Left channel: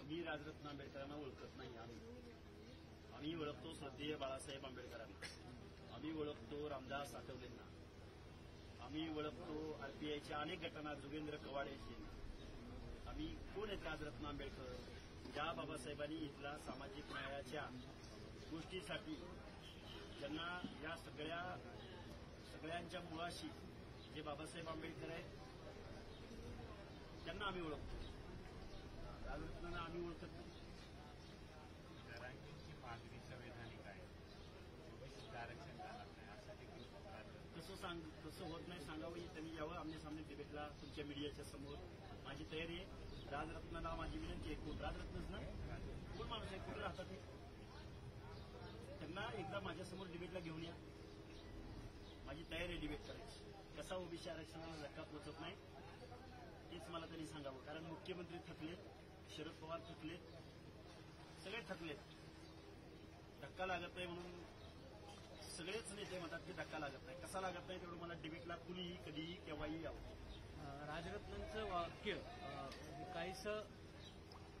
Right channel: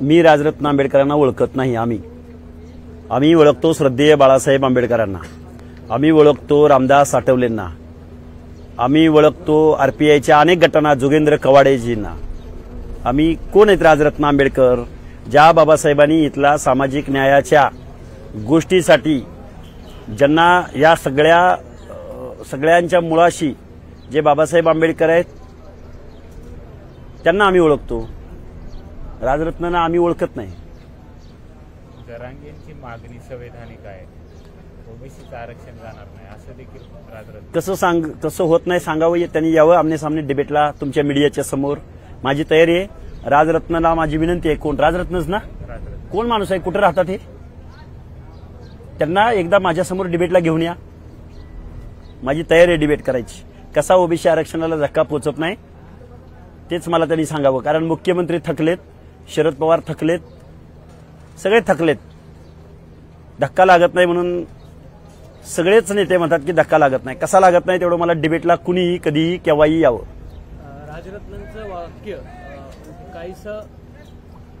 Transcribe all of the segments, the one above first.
मी राजरत्न आंबेडकरांना ओळखत नाही. आम्ही ओळखतो श्रद्धेय बाळासाहेब आंबेडकरांना, आम्ही ओळखतो रामदास आठवलेंना, आम्ही ओळखतो आरपीआयच्या अनेक गटांना, जोगेंद्र कवाडेजींना. आम्ही कोण आहेत राजरत्न आंबेडकर? ज्या बाबासाहेबांनी इथला सामाजिक न्यायाच्या गोष्टीसाठी ज्यांना या सगळ्यांच्या मुळाशी जे बाबासाहेब आंबेडकर आहेत त्यांना आम्ही ओळखतो. राजरत्नांना आम्ही ओळखत नाही. जरांगेंची मागणी संवैधानिक आहे, ओबीसीचं आरक्षण जाणार नाही असं देखील राजरत्न कसं होत नाही सांगावं. त्यांनी यावं आमने सामने डिबेटला तुमच्या मीडियाच्या समोर. माझी तयारी आहे. राजरत्नाला माझी विनंती आहे. कोण? राजरत्नच ना? कोण माणूस आहे? कुठे राहतात हे? त्यांना एकदा माझ्यासमोर डिबेटला घेऊन या. माझी तयारी आहे डिबेट करायची. कसा ओबीसी आरक्षणाला धक्का पोचत नाही तेच मला त्यांनी सांगावं. कारण मुख्यमंत्री थकलेत, शरद पवार थकलेत, सगळे थकलेत. धक्का लागत नाही म्हणून सगळेच नेते म्हणतात की धक्का लागत नाही. कसा लागत नाही तेवढं मला डिबेटला कुणीही कधीही केव्हाही यावं. राजरत्नांचं वाक्य काहीसं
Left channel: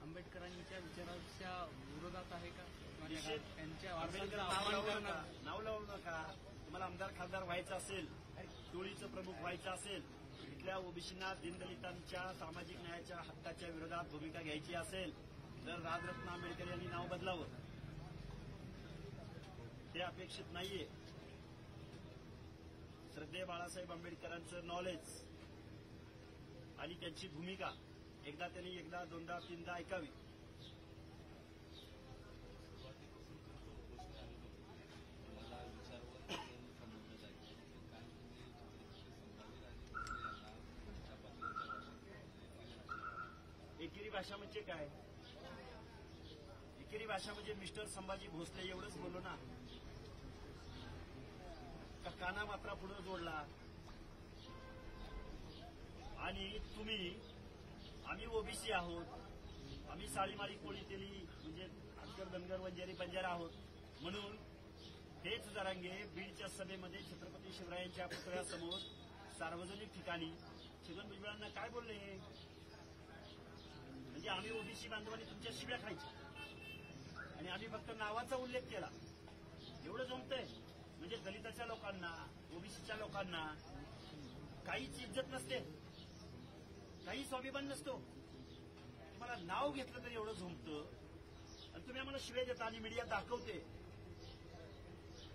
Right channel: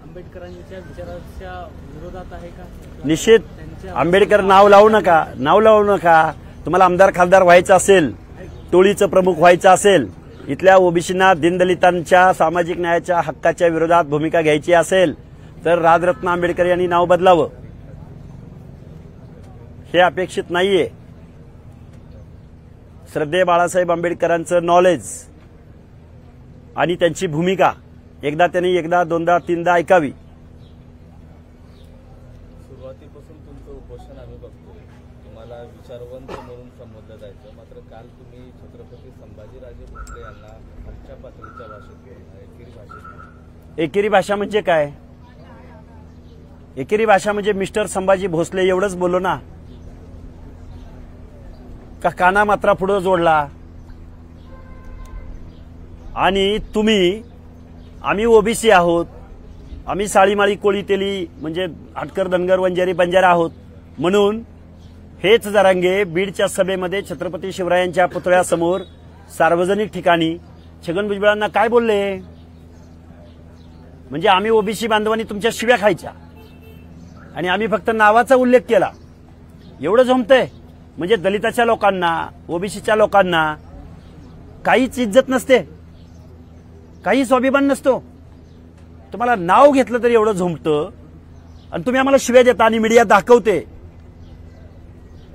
आंबेडकरांच्या विचाराच्या विरोधात आहे का? निश्चित. आंबेडकर नाव लावू नका. तुम्हाला आमदार खासदार व्हायचं असेल, टोळीचं प्रमुख व्हायचं असेल, इथल्या ओबीसींना दीनदलितांच्या सामाजिक न्यायाच्या हक्काच्या विरोधात भूमिका घ्यायची असेल तर राजरत्न आंबेडकर यांनी नाव बदलावं. हे अपेक्षित नाहीये. श्रद्धेय बाळासाहेब आंबेडकरांचं नॉलेज आणि त्यांची भूमिका एकदा दोनदा तीनदा ऐकावी. सुरुवातीपासून तुमचं उपोषण आम्ही बघतोय. तुम्हाला विचारवंत म्हणून संबोधलं जायचं, मात्र काल तुम्ही छत्रपती संभाजीराजे भोसले यांना खालच्या पातळीच्या भाषेत बोलला, एकेरी भाषेत. एकेरी भाषा म्हणजे काय? एकेरी भाषा म्हणजे मिस्टर संभाजी भोसले एवढंच बोललो ना? का काना मात्रा पुढं जोडला? आणि तुम्ही, आम्ही ओबीसी आहोत, आम्ही साळीमाळी कोळी तेली म्हणजे आटकर धनगर वंजारी बंजारा आहोत म्हणून हेच जरांगे बीडच्या सभेमध्ये छत्रपती शिवरायांच्या पुतळ्यासमोर सार्वजनिक ठिकाणी छगन भुजबळांना काय बोलले? म्हणजे आम्ही ओबीसी बांधवांनी तुमच्या शिव्या खायच्या आणि आम्ही फक्त नावाचा उल्लेख केला एवढं जमतंय. म्हणजे दलिताच्या लोकांना, ओबीसीच्या लोकांना काहीच इज्जत नसते, काही स्वाभिमान नसतो. तुम्हाला नाव घेतलं तरी एवढं झोंबतं आणि तुम्ही आम्हाला शिव्या देता आणि मीडिया दाखवते.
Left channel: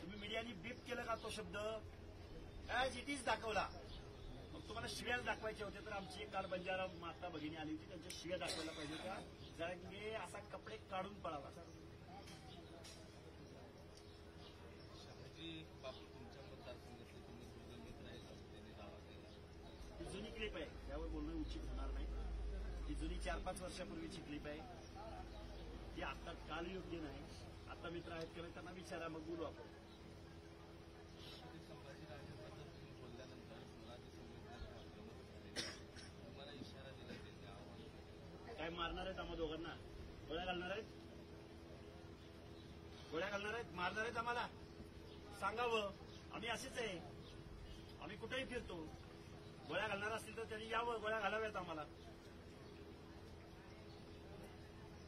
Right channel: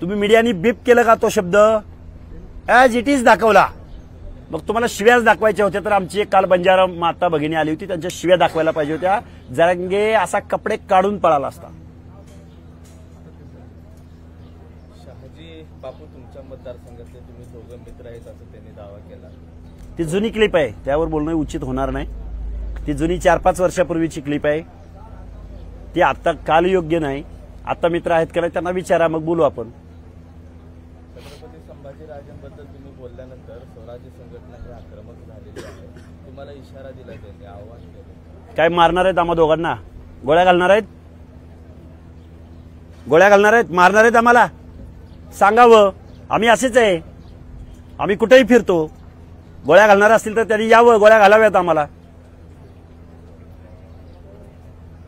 तुम्ही मीडियानी बीप केलं का तो शब्द? ॲज इट इज दाखवला. मग तुम्हाला शिव्याच दाखवायच्या होत्या तर आमची एक काल बंजारा माता भगिनी आली होती, त्यांच्या शिव्या दाखवायला पाहिजे होत्या. जरांगे असा कपडे काढून पळाला असता. शहाजी बापू तुमच्या मतदारसंघातले तुम्ही दोघं मित्र आहेत असं त्यांनी दावा केला. ती जुनी क्लिप आहे, त्यावर बोलणं उचित होणार नाही. ती जुनी 4-5 वर्षापूर्वीची क्लिप आहे. ती आता काल योग्य नाही. आता मित्र आहेत का नाही त्यांना विचारा, मग बोलू आपण. छत्रपती संभाजीराजांबद्दल तुम्ही बोलल्यानंतर स्वराज्य संघटना ही आक्रमक झालेली आहे. तुम्हाला इशारा दिला, त्यांनी आव्हान केलं. काय मारणार आहेत आम्हा दोघांना? गोळ्या घालणार आहेत? गोळ्या घालणार आहेत? मारणार आहेत आम्हाला? सांगावं. आम्ही असेच आहे, आम्ही कुठेही फिरतो. गोळ्या घालणार असतील तर त्यांनी यावं, गोळ्या घालाव्यात आम्हाला.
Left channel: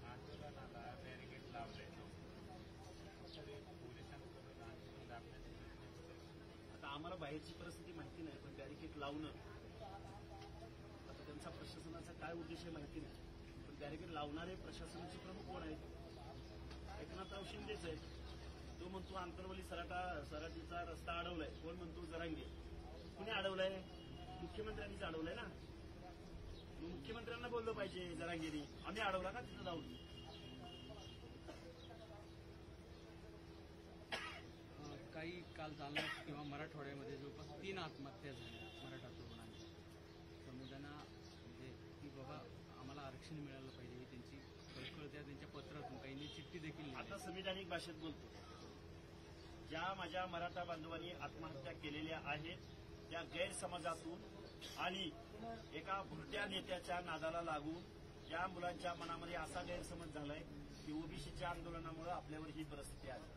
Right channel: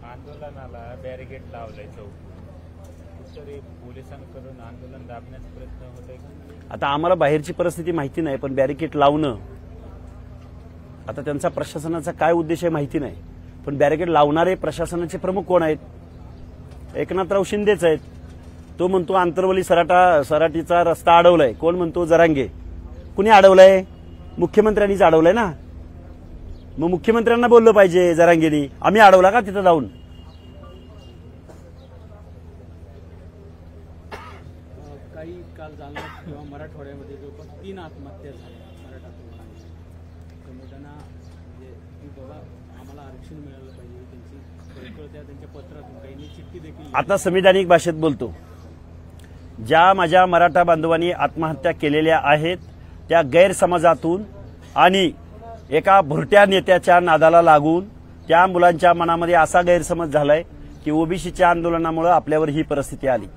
आंदोलनाला बॅरिकेड लावलंय चौक, कुठतरी पोलिसांकडून आंदोलन दाबण्याचा प्रयत्न होतोय. आता आम्हाला बाहेरची परिस्थिती माहिती नाही, पण बॅरिकेड लावणं आता त्यांचा प्रशासनाचा काय उद्देश आहे माहिती नाही. पण बॅरिकेड लावणारे प्रशासनाचे प्रमुख कोण आहेत? एकनाथराव शिंदेच आहेत. तो म्हणतो आंतरवली सराटीचा रस्ता अडवलाय. कोण म्हणतो? जरांगे. कुणी अडवलाय? मुख्यमंत्र्यांनीच अडवलाय ना. मग मुख्यमंत्र्यांना बोललं पाहिजे जरांगेनी. आम्ही अडवला का तिथं जाऊन? काही काल जालना किंवा मराठवाड्यामध्ये जवळपास 3 आत्महत्या झाल्या मराठा तरुणांच्या. संवेदना म्हणजे बघा आम्हाला आरक्षण मिळालं पाहिजे, त्यांची त्यांच्या पत्रातून काही चिठ्ठी देखील. आता संविधानिक भाषेत बोलतो. ज्या माझ्या मराठा बांधवांनी आत्महत्या केलेल्या आहेत त्या गैरसमजातून आणि एका भुरट्या नेत्याच्या नादाला लागून त्या मुलांच्या मनामध्ये असा गैरसमज झालाय की ओबीसीच्या आंदोलनामुळे आपल्यावर ही परिस्थिती आली.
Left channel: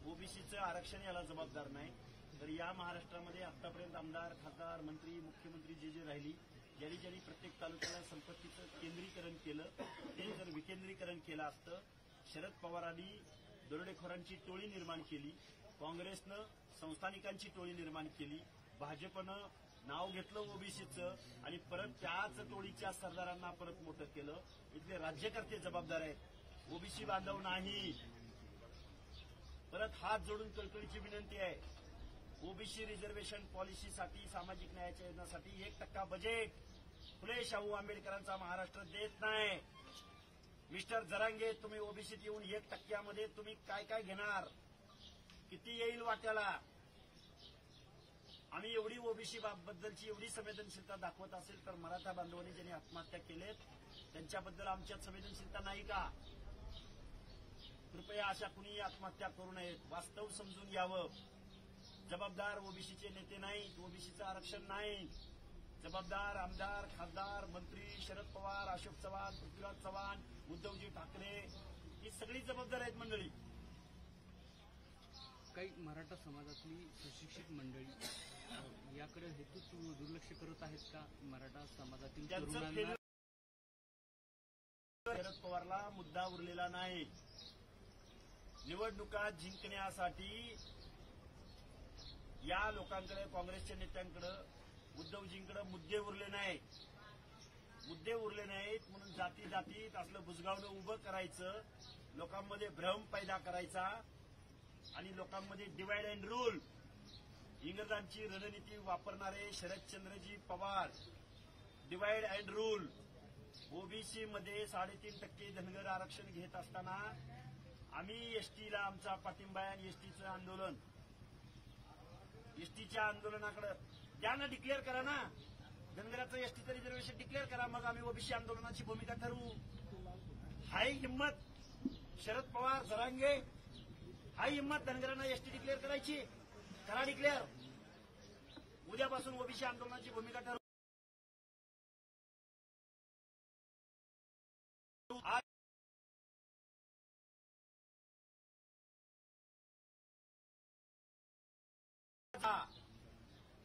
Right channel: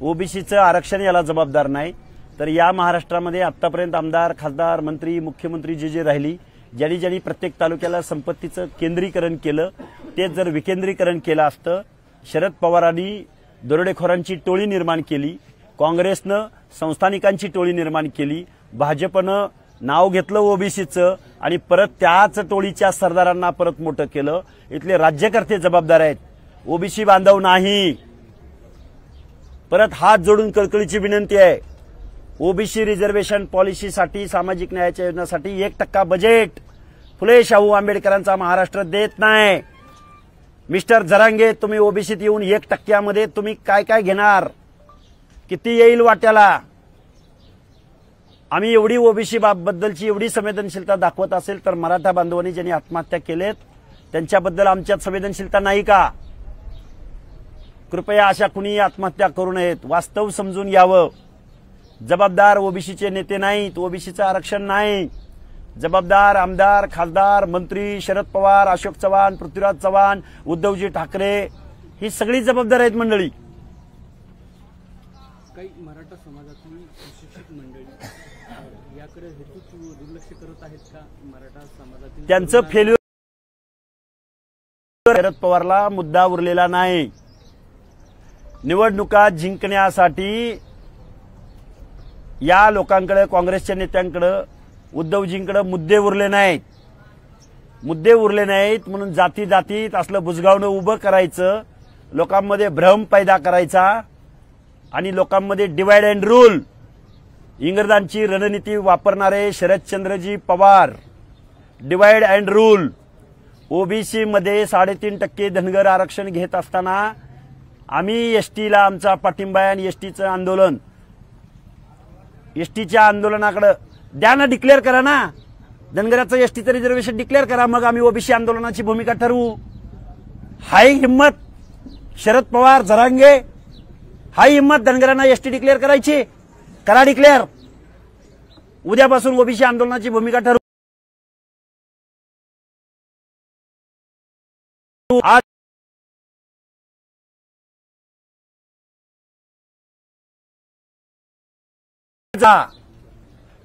ओबीसीचं आरक्षण याला जबाबदार नाही, तर या महाराष्ट्रामध्ये आतापर्यंत आमदार, खासदार, मंत्री, मुख्यमंत्री जे राहिली, ज्यांनी ज्यांनी प्रत्येक तालुक्याला संपत्तीचं केंद्रीकरण केलं तेच जर विकेंद्रीकरण केलं असतं, शरद पवारांनी दरोडेखोरांची टोळी निर्माण केली, काँग्रेसनं संस्थानिकांची टोळी निर्माण केली, भाजपनं नाव घेतलं ओबीसीचं आणि परत त्याच टोळीच्या सरदारांना परत मोठं केलं. इथले राज्यकर्ते जबाबदार आहेत, ओबीसी बांधव नाही. परत हात जोडून कळकळीची विनंती आहे, ओबीसी रिझर्वेशन पॉलिसीसाठी, सामाजिक न्यायाच्या योजनासाठी 1% बजेट फुले शाहू आंबेडकरांचा महाराष्ट्र देत नाही. मिस्टर जरांगे, तुम्ही ओबीसीत येऊन 1% तुम्ही काय काय घेणार, किती येईल वाट्याला? आम्ही एवढी ओबीसी बद्दलची एवढी संवेदनशीलता दाखवत असेल तर मराठा बांधवांनी ज्यांनी आत्महत्या केलेत त्यांच्याबद्दल आमच्यात संवेदनशीलता नाही का? कृपया अशा कुणी आत्महत्या करू नयेत. वास्तव समजून घ्यावं. जबाबदार ओबीसीचे नेते नाहीत, ओबीसीचं आरक्षण नाही. जबाबदार आमदार, खासदार, मंत्री शरद पवार, अशोक चव्हाण, पृथ्वीराज चव्हाण, उद्धवजी ठाकरे ही सगळी जबाबदार आहेत मंडळी. काही मराठा समाजातली सुशिक्षित मंडळी याकडे हेतूच दुर्लक्ष करत आहेत का? मराठा समाजातील त्यांचं फेल्युअर शरद पवारला मुद्दा उरलेला नाही. निवडणुका जिंकण्यासाठी या लोकांकडे, काँग्रेसच्या नेत्यांकडे, उद्धवजींकडे मुद्दे उरले नाहीत. मुद्दे उरले नाहीत म्हणून जाती जातीत असलं बुजगावणं उभं करायचं, लोकांमध्ये भ्रम पैदा करायचा आणि लोकांमध्ये डिवाइड अँड रूल, इंग्रजांची रणनीती वापरणारे Sharadchandraji Pawar. Divide and rule. OBC मध्ये 3.5% धनगर आरक्षण घेत असताना आम्ही एसटीला आमचा पाठिंबा आहे आणि एसटीचं आंदोलन, एसटीच्या आंदोलनाकडे द्या ना, डिक्लेअर करा ना, धनगराचं एसटीचं रिझर्वेशन डिक्लेअर करा, मग आम्ही ओबीसी आंदोलनाची भूमिका ठरवू. हाय हिम्मत शरद पवार, जरांगे, हाय हिम्मत धनगरांना एसटी डिक्लेअर करायची? करा डिक्लेअर. उद्यापासून ओबीसी आंदोलनाची भूमिका ठरवू. आज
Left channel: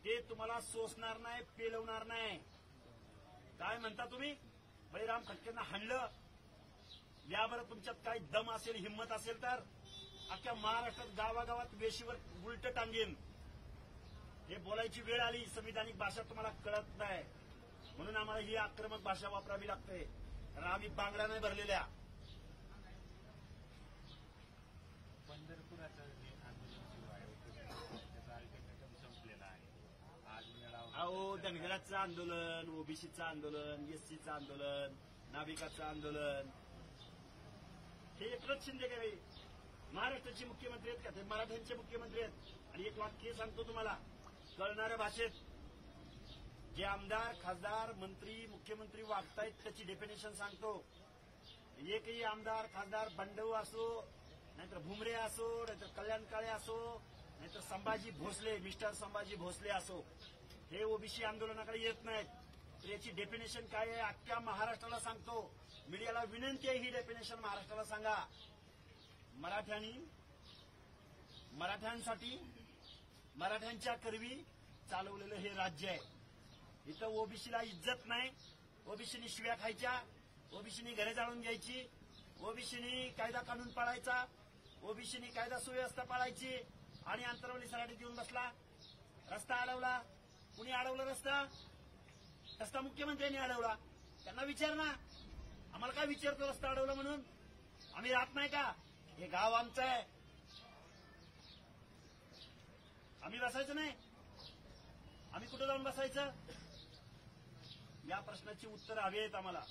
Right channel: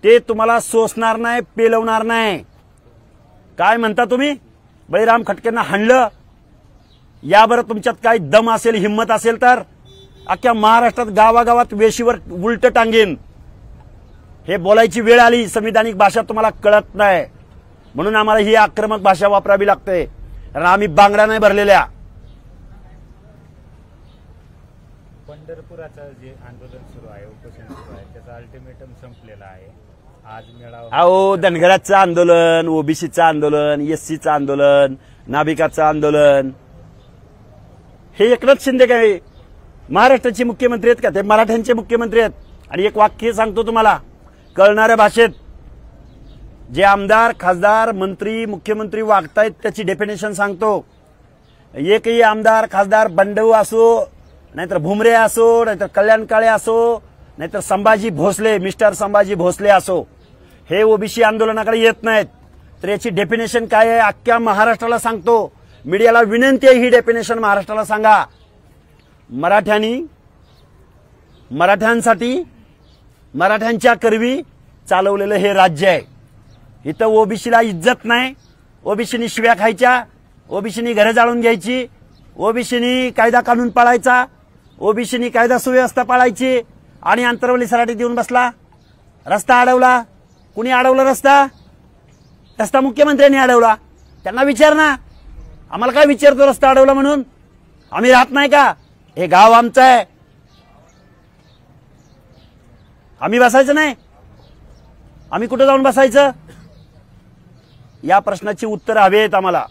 ते तुम्हाला सोसणार नाही, पेलवणार नाही. काय म्हणता तुम्ही? बळीराम खटकेंना हाणलं. याबरोबर तुमच्यात काही दम असेल, हिम्मत असेल तर अख्ख्या महाराष्ट्रात गावागावात वेशीवर उलट टांगेन. हे बोलायची वेळ आली. संविधानिक भाषा तुम्हाला कळत नाही म्हणून आम्हाला ही आक्रमक भाषा वापरावी लागते, कारण आम्ही बांगड्या नाही भरलेल्या. पंढरपुराचं जे आंदोलन सुरू आहे, उपोषण सुरू आहे, त्याचा अल्टिमेटम संपलेला आहे. आज मेळावा, अहो, धनगराचं आंदोलन, ओबीसीचं आंदोलन, एससीचं आंदोलन, नाभिकाचं आंदोलन, हे एकनाथ शिंदे काय महाराष्ट्राचे मुख्यमंत्री आहेत का? ते मराठ्यांचे मुख्यमंत्री आहेत. आणि एक वाक्य सांगतो तुम्हाला कळणाऱ्या भाषेत, जे आमदार, खासदार, मंत्री, मुख्यमंत्री वागतायत त्याची डेफिनेशन सांगतो. एकही आमदार, खासदार बंडू असो, नाहीतर भुमरे असो, नाहीतर कल्याण काळे असो, नाहीतर संभाजी भोसले, मिस्टर संभाजी भोसले असो, हे ओबीसी आंदोलनाकडे येत नाहीत. तर याची डेफिनेशन काय आहे अख्ख्या महाराष्ट्राला सांगतो. मीडियाला विनंती आहे, ही डेफिनेशन महाराष्ट्राला सांगा. मराठ्यांसाठी, मराठ्यांच्या करवी चालवलेलं हे राज्य आहे. इथं ओबीसीला इज्जत नाही. ओबीसीनी शिव्या खायच्या, ओबीसीनी घरं जाळून घ्यायची, ओबीसीनी कायदा कानून पाळायचा, ओबीसीनी कायदा सुव्यवस्था पाळायची आणि अंतरवली सराटी देऊन बसला. रस्ता अडवला. कुणी अडवला रस्ता? रस्ता मुख्यमंत्र्यांनी अडवला. त्यांना विचार ना. आम्हाला काय विचारतो रस्ता अडवला म्हणून? आम्ही राहत नाही का? हे गाव आमचं आहे. आम्ही बसायचं नाही? आम्ही कुठे जाऊन बसायचं? या प्रश्नाची उत्तर हवेत आम्हाला.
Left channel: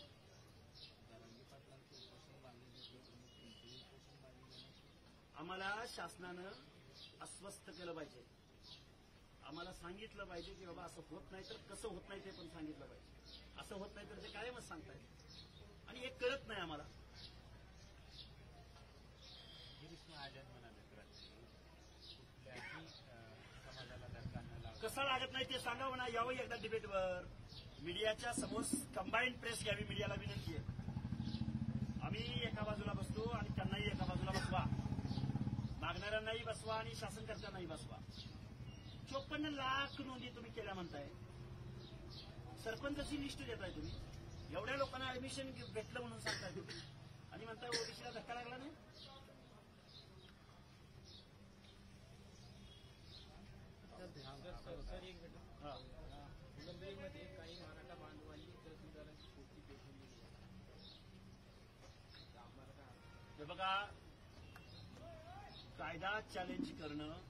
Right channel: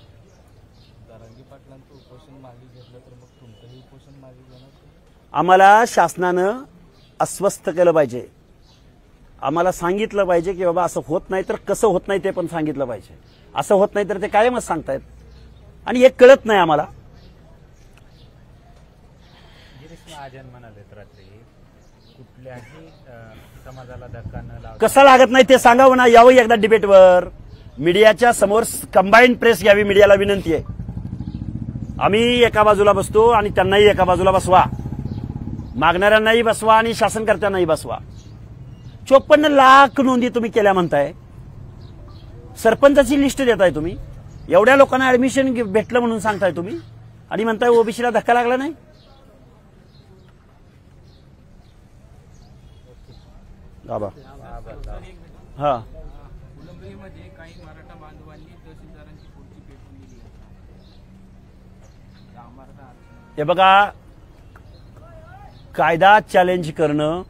आम्हाला शासनानं अस्वस्थ केलं पाहिजे. आम्हाला सांगितलं पाहिजे की बाबा असं होत नाही तर कसं होत नाही ते पण सांगितलं पाहिजे. असं होत नाही तर ते कायमच सांगतायत आणि हे कळत नाही आम्हाला. गिरीश महाजन म्हणाले रात्री, कुठल्याही समाजाला धक्का न लावता. कसं लागत नाही ते सांगावं ना. यावं एकदा डिबेटवर, मीडियाच्या समोर कंबाईंड प्रेस घ्यावी. मीडियाला विनंती आहे, आम्ही एका बाजूला बसतो आणि त्यांनाही एका बाजूला बसवा. मागणाऱ्यांनाही बसवा आणि शासनकर्त्यांनाही बसवा. 54 लाख नोंदी तुम्ही केल्या म्हणताय. सरपंचाची लिस्ट देताय तुम्ही, एवढ्या लोकांना ऍडमिशन भेटलं म्हणून सांगताय तुम्ही, आणि म्हणताय ओबीसीला धक्का लागला नाही. बाबा हा, फुलंब्रीमध्ये काही मराठा बांधवांनी तहसीलदारांची पुढची पेटून दिली आहे. मराठा आरक्षण हे बघा, कायदा चॅलेंज करणं,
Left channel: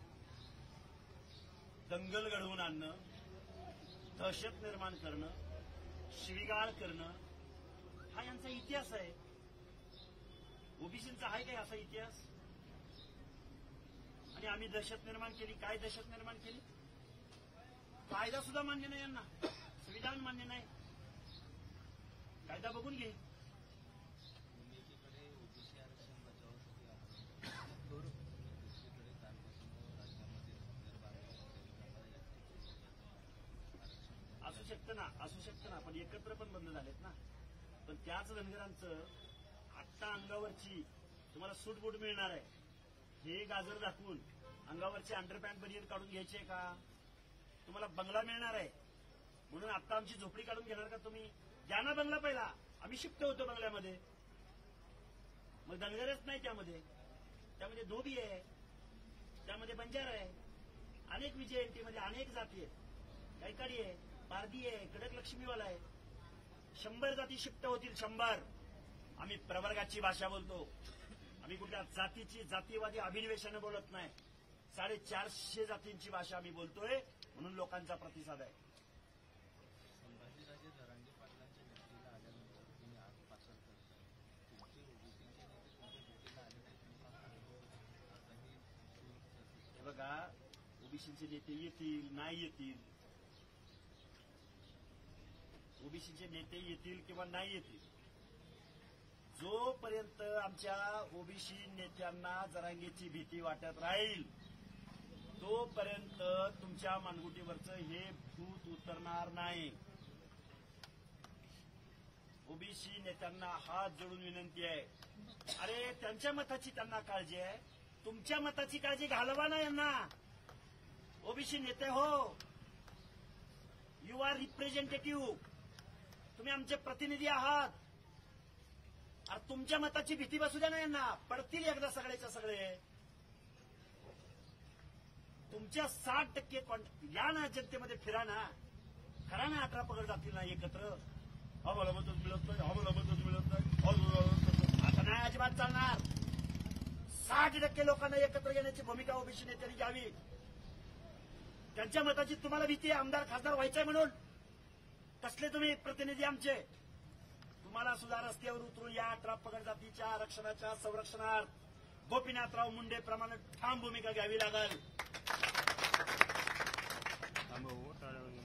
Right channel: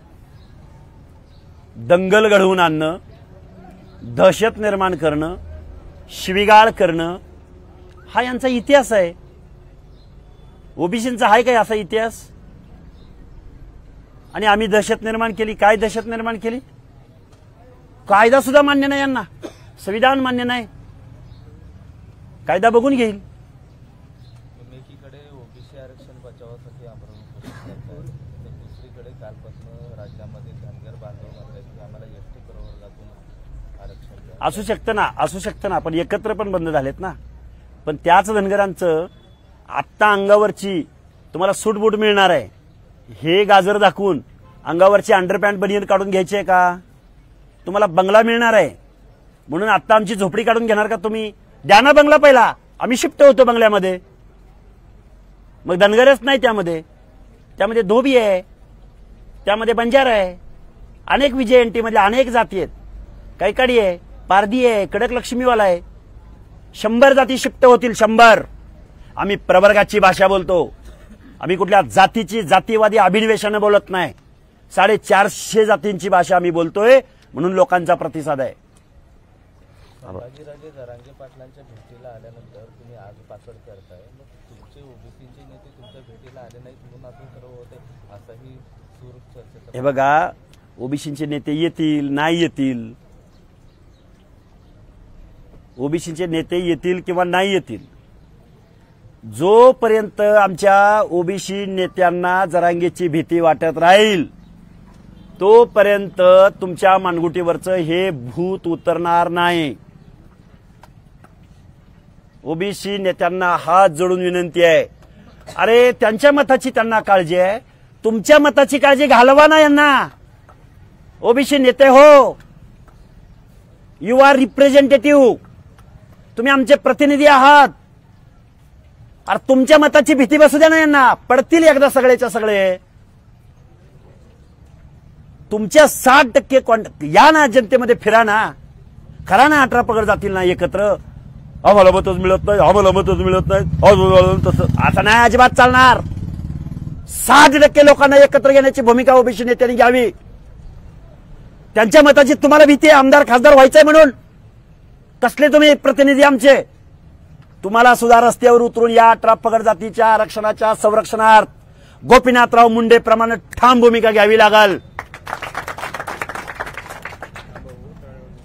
दंगल घडवून आणणं, दहशत निर्माण करणं, शिवीगाळ करणं, हा यांचा इतिहास आहे. ओबीसींचा आहे काय असा इतिहास? आणि आम्ही दहशत निर्माण केली. काय दहशत निर्माण केली? कायदा सुद्धा मान्य नाही यांना, संविधान मान्य नाही. कायदा बघून घेईल. तुम्ही एकीकडे ओबीसी आरक्षण बचावासाठी आंदोलन करताय, तर दुसरीकडे कालपासून राज्यामध्ये धनगर बांधव म्हणतात की आम्हाला एसटी प्रवर्गातून आरक्षण द्या. असू शकतं ना, पण एकत्र पण बंद झालेत ना. पण त्याच धनगरांचं आत्ता अंगावरची तुम्हाला सूटबूट मिळणार आहे, हे गाजर दाखवून अंगावरची अंडरपॅन्ट बनियन काढून घ्यायची आहे का? तुम्हाला बंगला मिळणार आहे म्हणून आत्ता आमची झोपडी काढून घेणार का तुम्ही? द्या ना बंगला पहिला, आम्ही शिफ्ट होतो बंगल्यामध्ये. मग धनगरच नाही त्यामध्ये धोबी आहे, त्यामध्ये बंजारा आहे, अनेक विजयंती मधल्या अनेक जाती आहेत, कैकाडी आहे, पारधी आहे, कडक लक्ष्मीवाला आहे. 100 जाती शिफ्ट होतील, 100. आम्ही प्रवर्गाची भाषा बोलतो, आम्ही कुठल्या जातीची जातीवादी अभिनिवेशाने बोलत नाही. 450 जातींची भाषा आम्ही बोलतोय, म्हणून लोकांचा प्रतिसाद आहे. संभाजीराजे जरांगे पाटलांच्या भेटीला आल्यानंतर तुम्ही आज पाकड करताय, मग तुमचे ओबीसीचे नेते तुमच्या भेटीला आले नाहीत म्हणून असं सर्व होते, असाही सूर चर्चेचा. हे बघा, ओबीसीचे नेते येतील नाही येतील, ओबीसीचे नेते येतील किंवा नाही येतील, जोपर्यंत आमच्या ओबीसी नेत्यांना जरांगेची भीती वाटत राहील तोपर्यंत तुमच्या मानगुटीवरचं हे भूत उतरणार नाही. ओबीसी नेत्यांना हात जोडून विनंती आहे, अरे त्यांच्या मताची त्यांना काळजी आहे, तुमच्या मताची काळजी घालवा ना यांना. ओबीसी नेते हो, यू आर रिप्रेझेंटेटिव्ह, तुम्ही आमचे प्रतिनिधी आहात. अरे तुमच्या मताची भीती बसू द्या ना यांना, पडतील एकदा सगळेच्या सगळे. तुमच्या 60% या ना, जनतेमध्ये फिरा ना, करा ना 18 पगड जातील ना एकत्र. आम्हाला मतच मिळत नाही, आम्हाला मतच मिळत नाही, तसं असं नाही अजिबात चालणार. 60% लोकांना एकत्र घेण्याची भूमिका ओबीसी नेत्यांनी घ्यावी. त्यांच्या मताची तुम्हाला भीती आहे आमदार खासदार व्हायचंय म्हणून? कसले तुम्ही प्रतिनिधी आमचे? तुम्हाला सुद्धा रस्त्यावर उतरून या 18 पगड जातीच्या आरक्षणाच्या संरक्षणार्थ गोपीनाथराव मुंडे प्रमाणे ठाम भूमिका घ्यावी लागल.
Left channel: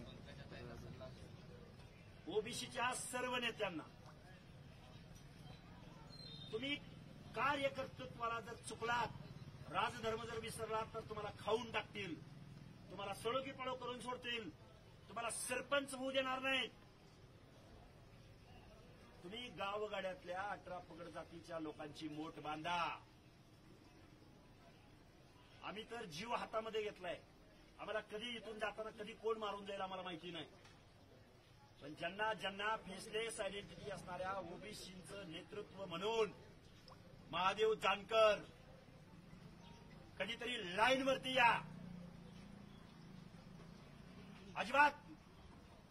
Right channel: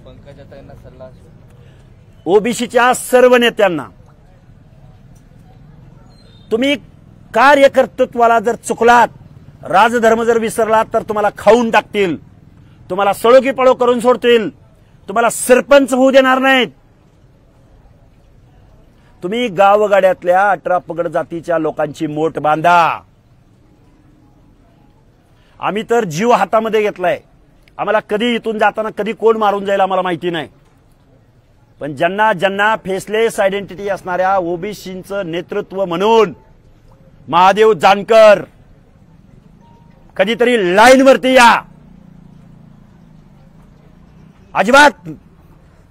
पंकजाताईंना सल्ला असेल. ओबीसीच्या सर्व नेत्यांना, तुम्ही कार्यकर्तृत्वाला जर चुकलात, राजधर्म जर विसरलात तर तुम्हाला खाऊन टाकतील, तुम्हाला सळोकी पळो करून सोडतील, तुम्हाला सरपंच होऊ देणार नाहीत. तुम्ही गावगाड्यातल्या 18 पगड जातीच्या लोकांची मोठ बांधा. आम्ही तर जीव हातामध्ये घेतलाय. आम्हाला कधी इथून जाताना कधी कोण मारून जाईल आम्हाला माहिती नाही, पण ज्यांना ज्यांना फेसलेस आयडेंटिटी असणाऱ्या ओबीसींचं नेतृत्व म्हणून महादेव जानकर, कधीतरी लाईनवरती या. अजिबात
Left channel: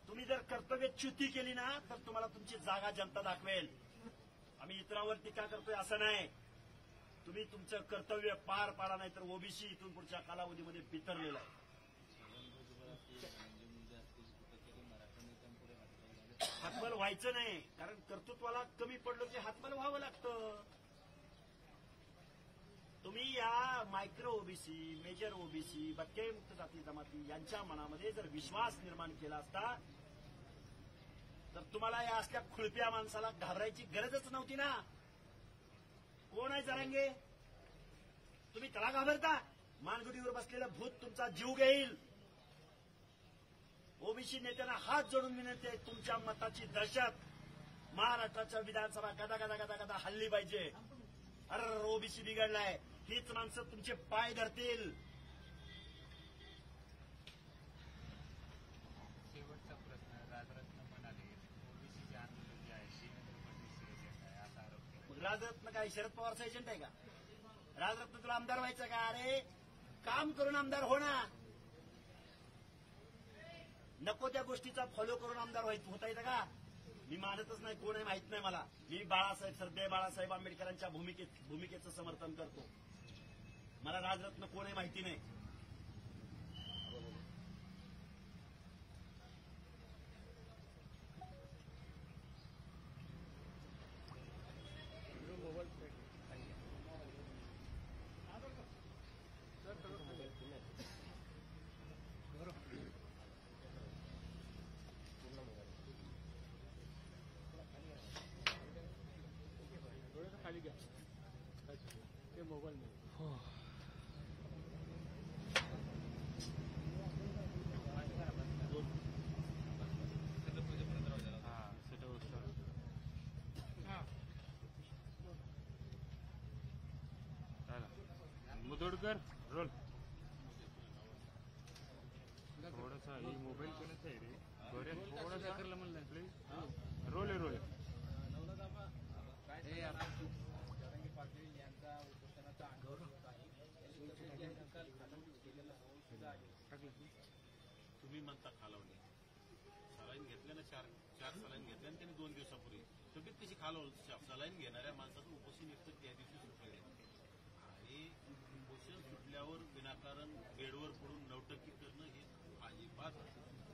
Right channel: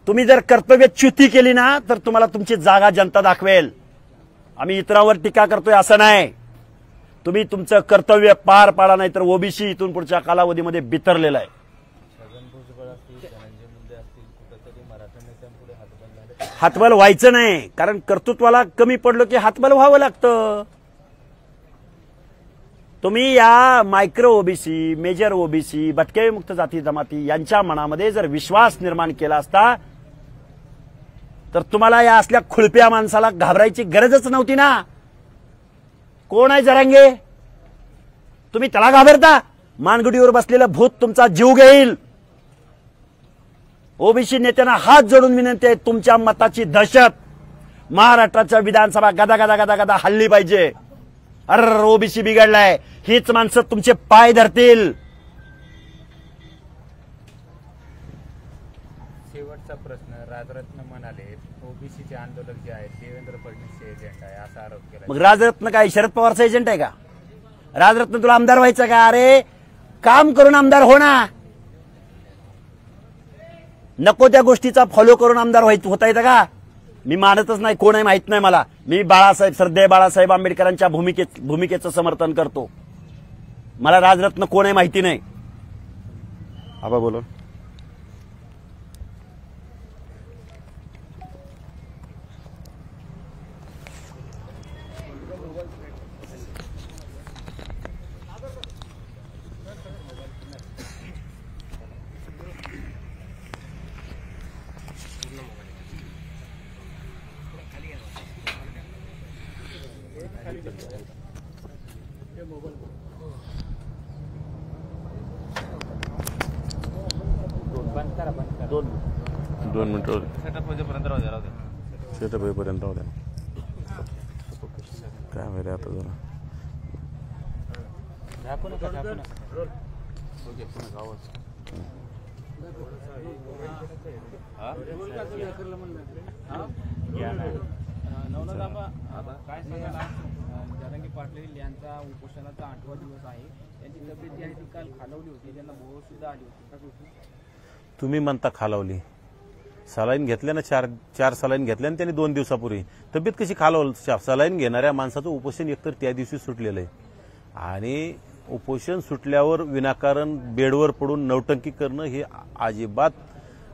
तुम्ही जर कर्तव्यच्युती केली ना तर तुम्हाला तुमची जागा जनता दाखवेल. आम्ही इतरांवर टीका करतोय असं नाही, तुम्ही तुमचं कर्तव्य पार पाडा, नाही तर ओबीसी इथून पुढच्या कालावधीमध्ये बिथरलेला आहे. छगन भुजबळ असतील, धनंजय मुंडे असतील, कुठेतरी मराठा नेत्यांपुढे हातबल झाले. हातबल व्हायचं नाही, कारण कर्तृत्वाला कमी पडलो की हातबल व्हावं लागतं. तुम्ही या मायक्रो ओबीसी, मेजर ओबीसी, भटके मुक्त जाती जमाती यांच्या मनामध्ये जर विश्वास निर्माण केला असता तर तुम्हाला या असल्या खुळप्या माणसाला घाबरायची गरजच नव्हती ना. कोण आहे जरांगे? तुम्ही त्याला घाबरता? मानगुडीवर बसलेलं भूत तुमचा जीव घेईल. ओबीसी नेत्यांना हात जोडून विनंती आहे, तुमच्या मताची दहशत महाराष्ट्राच्या विधानसभा गदा गदा गदा गदा हल्ली पाहिजे. अरे ओबीसी बिघडलाय, हीच माणसं तुमचे पाय धरतील. शेवटचा प्रश्न, राजरत्न मग राजरत्न काय शरद पवारचा एजंट आहे का? राजरत्न तुला आमदार व्हायचं का? अरे काम करून आमदार हो ना. नको त्या गोष्टीचा फॉलो करून आमदार होता येतं का? मी मानतच नाही, कोण आहे माहित नाही मला. मी श्रद्धेय बाळासाहेब आंबेडकरांच्या भूमिकेचं समर्थन करतो. मला राजरत्न कोण आहे माहिती नाही. आबा बोलो. दोन मिनिटं सेटअप होईपर्यंत राहू द्या. सेटअप होईपर्यंत राहू द्या. काय माहिती आता जरा काय सांगाल? जरांगे पाटील यांचा उपोषणाचा 8वा दिवस आहे. त्यांची तब्येत जी आहे ती काल खालावली होती, त्यांना भोवळ सुद्धा आली होती. तुम्ही म्हणता खालावली. सलाईन घेतल्या ना, चार सलाईन घेतल्या ना त्यांनी 2 दिवसापूर्वी. तब्येत कशी खालावल? सलाईन घेणाऱ्या माणसाचं उपोषण एकतर त्या दिवशी सुटलेलं आहे आणि उपोषण सुटल्यावर विनाकारण बेडवर पडून नौटंकी करणं हे अजिबात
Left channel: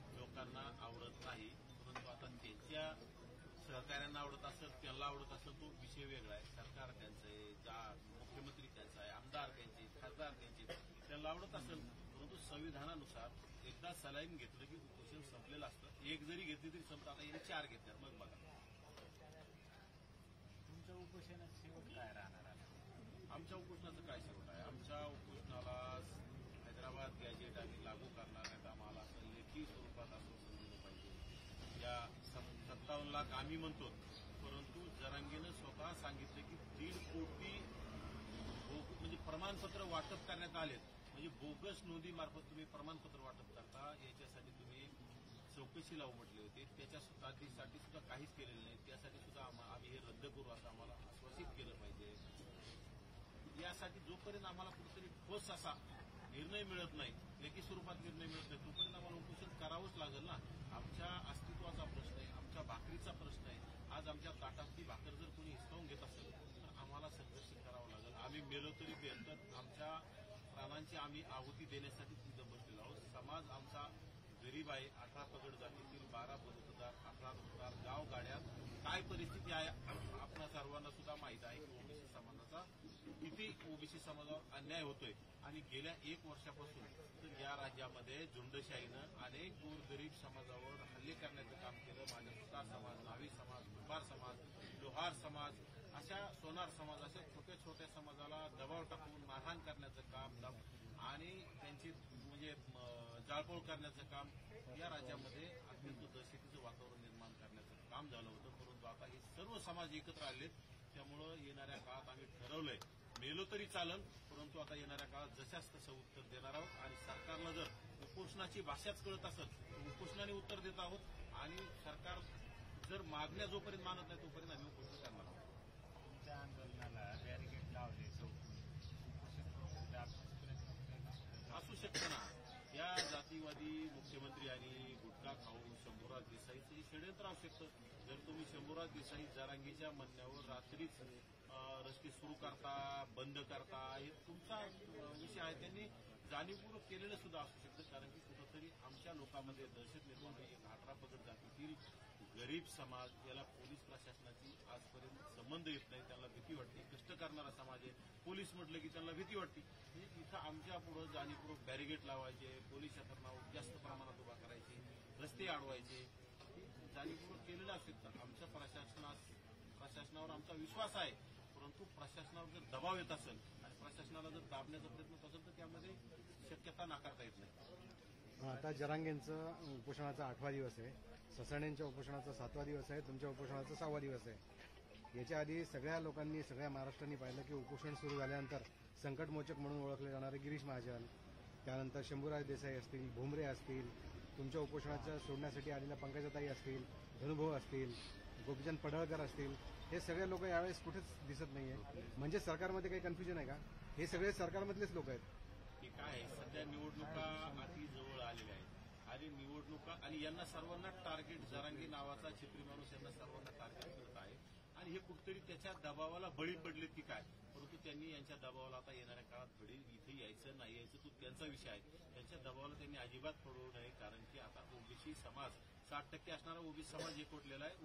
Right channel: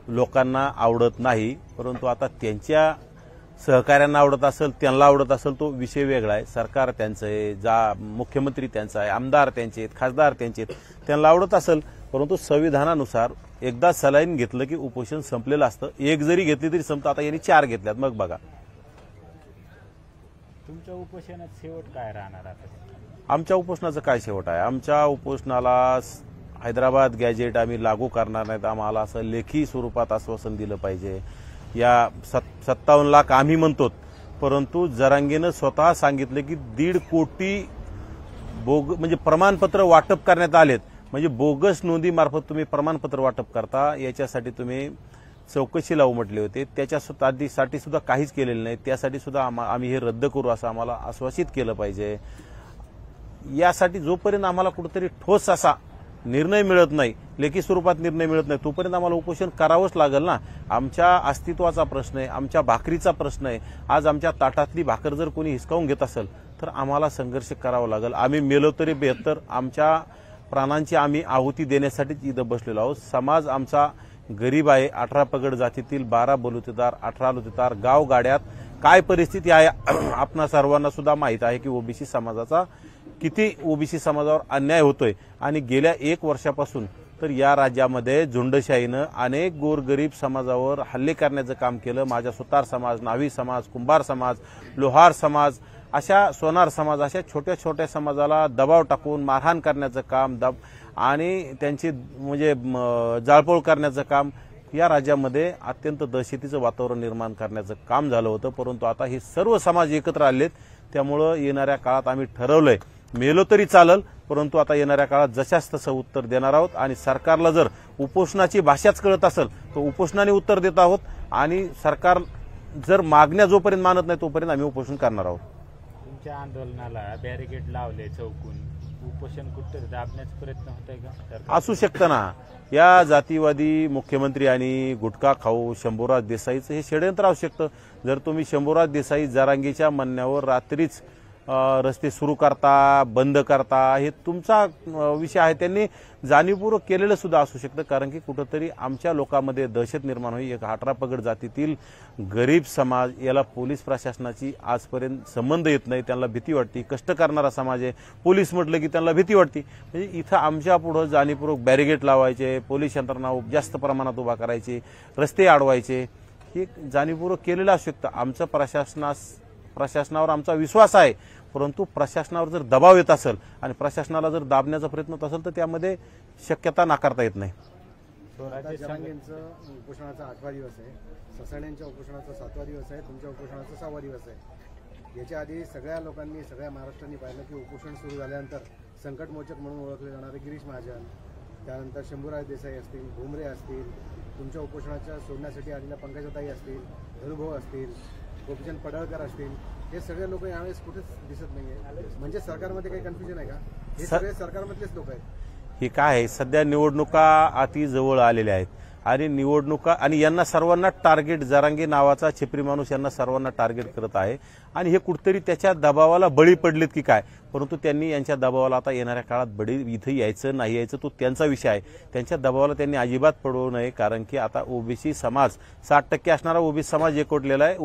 लोकांना आवडत नाही. परंतु आता त्यांच्या सहकाऱ्यांना आवडत असेल, त्यांना आवडत असेल, तो विषय वेगळा आहे. सरकार त्यांचं आहे, मुख्यमंत्री त्यांचा आहे, आमदार त्यांचे आहेत, खासदार त्यांचे आहेत, त्यांना आवडत असेल. परंतु संविधानानुसार एकदा सलाईन घेतलं की उपोषण संपलेलं असतं. एक जरी घेतली तरी संपतं. आता यांनी 4 घेतल्यात. मग बघा तुमच्या उपोषणात शेवट काय राहणार आता? आमच्या उपोषणाचं काय शेवट आहे? आमच्या उपोषणाला हैदराबाद गॅजेट आम्ही लागू करणार नाहीत. आम्हाला असं लेखी स्वरूपात आश्वासन दिलं पाहिजे. या 57 लाख आम्ही म्हणतो, परंतु जरांगेनं स्वतः सांगितलं की 1.5 कोटी म्हणजे प्रमाणपत्र वाटप करण्यात आलेत. म्हणजे बोगस नोंदीमार्फत तुम्ही प्रमाणपत्र वाटप करता, याच्यासाठी तुम्ही चौकशीला उमटले होते. त्याच्यासाठी सुद्धा काहीच केलेलं नाही. त्यासाठी सुद्धा आम्ही हे रद्द करू असं आम्हाला आश्वासित केलं पाहिजे. यासाठी जोपर्यंत आम्हाला कुठेतरी ठोस असा निर्णय मिळत नाही, लेखी स्वरूपात निर्णय मिळत नाही, तोपर्यंत आम्हाला उपोषण करावंच लागेल ना. आमच्या अस्तित्वाचा प्रश्न आहे, आमच्या भाकरीचा प्रश्न आहे. आज आमच्या ताटातली भाकर जर कोणी हिसकावून घेत असेल तर आम्हाला संघर्ष करावा लागेल. आम्ही मेलो तरी बेहतर. आमच्या प्राणांची आम्ही आहुती देण्यासाठीच इथं बसलेलो आहोत. समाज आमचा गरीब आहे. 18 पगड जातीतील 12 बलुतेदार, 18 लुतेदार, गावगाड्यात काय परिस्थिती आहे आपणा सर्वांना सुद्धा माहीत आहे की ओबीसी समाजाचा किती ओबीसी समाजावर अन्याय होतोय. आणि गेल्या 1 वर्षापासून तर या राज्यामध्ये झुंडशाहीनं अनेक गोरगरीब समाजावर हल्ले करण्याचं काम केलं. माझा सुतार समाज, न्हावी समाज, कुंभार समाज, लोहार समाज, अशा सोनार समाज, अशा छोट्या छोट्या समाजाला दबाव टाकून मारहाण करण्याचं काम आणि त्यांची म्हणजे जाळपोळ करण्याचं काम या राज्यामध्ये अत्यंत दहशतीचं वातावरण निर्माण करण्याचं काम झालं होतं. परंतु आता हे सर्व समाज एकत्र आलेत. त्यामुळं येणाऱ्या काळात आम्ही ठरवलंय मेलो तरी चालेल, परंतु आता येणाऱ्या काळात जशाच तसं उत्तर देणार आहोत. आणि सरकारला जर उपोषणाची भाषाच कळत असेल तर उपोषणाने उत्तर देत आहोत. आणि सरकार जर मागण्या जोपर्यंत मानत नाही तोपर्यंत आम्ही उपोषण करणार आहोत. तुमच्या आंदोलनाला बॅरिकेड लावले चौकून, उपोषण कुठे दाबण्याचा प्रयत्न होत आहे का? असू शकतं ना. या जातीवादी मुख्यमंत्री आणि गुटखा खाऊ शंभूराज देसाईचं हे षडयंत्र असू शकतं. जर तुम्ही शंभूराज देसाई जरांगीच्या म्हणण्यावर रात्रीच रस्ते सुरू करता, बंद करता, हे तुमचा विषय आहे. त्यांनी जाणीवपूर्वक केलेलं सुद्धा असू शकतं. कारण की कुठंतरी आमच्या लोकांमध्ये दहशत निर्माण होईल. एक 18 पगड जातीतील गरीब समाज, याला पोलीस प्रशासनाची आजपर्यंत संबंध येत नाही. त्यांना भीती वाटते. कष्ट करणारा समाज आहे. पोलीस म्हटलं की त्यांना भीती वाटते. म्हणजे इथं आमच्या पुढं जाणीवपूर्वक बॅरिगेट लावायचे, पोलीस यंत्रणा जास्त प्रमाणात उभा करायची, रस्ते अडवायचे, हे जाणीवपूर्वक केलेलं असू शकतं. आमचं प्रशासनावर आमचा विश्वास आहे. परंतु प्रशासनावर जर दबाव येत असेल आणि प्रशासनाला जर दाबण्याचा प्रयत्न होत असेल तर त्यामध्ये शक्यता नाकारता येत नाही. जरांगेंचं उपोषणाचा 8वा दिवस आहे, ससाण्यांच्या उपोषणाचा 7वा दिवस आहे, तुमच्या उपोषणाचा 6वा दिवस आहे. याच्या आधी सगळ्या लोकांनी, सगळ्या महाराष्ट्रांनी पाहिलं की उपोषण सुरू झाल्यानंतर संकटमोचक म्हणून ओळखले जाणारे गिरीश महाजन, त्यानंतर शंभूराज देसाई असतील, भुमरे असतील, तुमच्या उपोषणाच्या सोडण्यासाठी आलेल्या पंकजाताई असतील, धनुभाऊ असतील, गोपीचंद पडळकर असतील, हे सगळे लोक यावेळेस कुठेच दिसत नाहीये. म्हणजे सरकारमध्ये काही कन्फ्युजन आहे का? हे सगळे सरकारमधलेच लोक आहेत. हे काय आहे, सध्या निवडणुका अति जवळ आलेल्या आहेत आणि निवडणुका आणि यांना सर्वांना टार्गेट, जरांगे नावाचा छेपरी माणूस यांना सर्वांना टार्गेट करत आहे आणि हे कुठतरी त्याच्या दबावाला बळी पडलेत की काय, परंतु त्यांनी यांच्या दबावाला आता येणाऱ्या काळात बळी, इथं यायचं नाही यायचं तो त्यांचा विषय आहे. त्यांच्या दबावाला त्यांनी अजिबात पडू नये, कारण की आता ओबीसी समाज 60% असणारा ओबीसी समाज एकवटलेला आहे.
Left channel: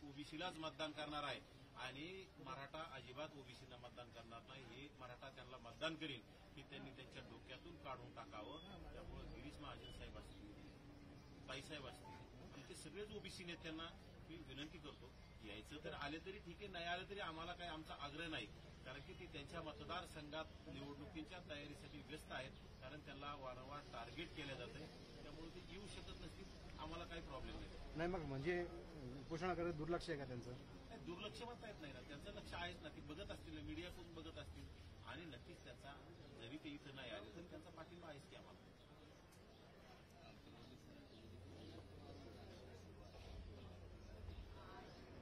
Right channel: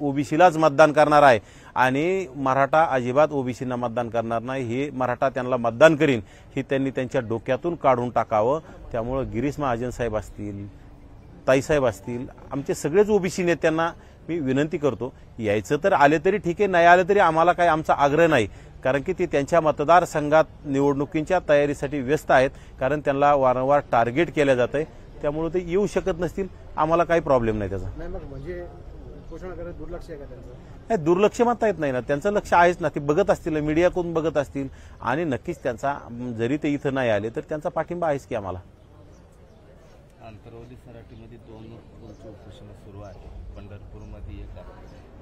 ओबीसीलाच मतदान करणार आहे आणि मराठा अजिबात ओबीसींना मतदान करणार नाही. हे मराठा त्यांना मतदान करीन हे त्यांनी त्यांच्या डोक्यातून काढून टाकावं. त्यामुळे गिरीश महाजन साहेब असतील, ताईसाहेब असतील, आमचे सगळेच ओबीसी नेत्यांना मी विनंती करतो, यायचं तर आले तरी ठीक आहे, नाही आले तरी आम्हाला काही आमचा आग्रह नाही, कारण की ते त्यांच्या मतदारसंघात निवडणुकीच्या तयारीसाठी व्यस्त आहेत, कारण त्यांना वारंवार टार्गेट केलं जात आहे. त्यामुळे ते येऊ शकत नसतील, आम्हाला काही प्रॉब्लेम नाही त्याचा. नाही मग म्हणजे उपोषणाकडे दुर्लक्ष आहे का त्यांचं? नाही, दुर्लक्ष म्हणता येत नाही ना, त्यांचं लक्ष आहेच ना. ते बघत असतील, मीडियाकडून बघत असतील आणि नक्कीच त्यांचा, जरी ते इथं नाही आले तर त्यांचा पाठिंबा आहेच की आम्हाला. आंतरवली सराटीमध्ये 2 उपोषण सुरू आहे, पंढरपूरमध्ये एक आहे.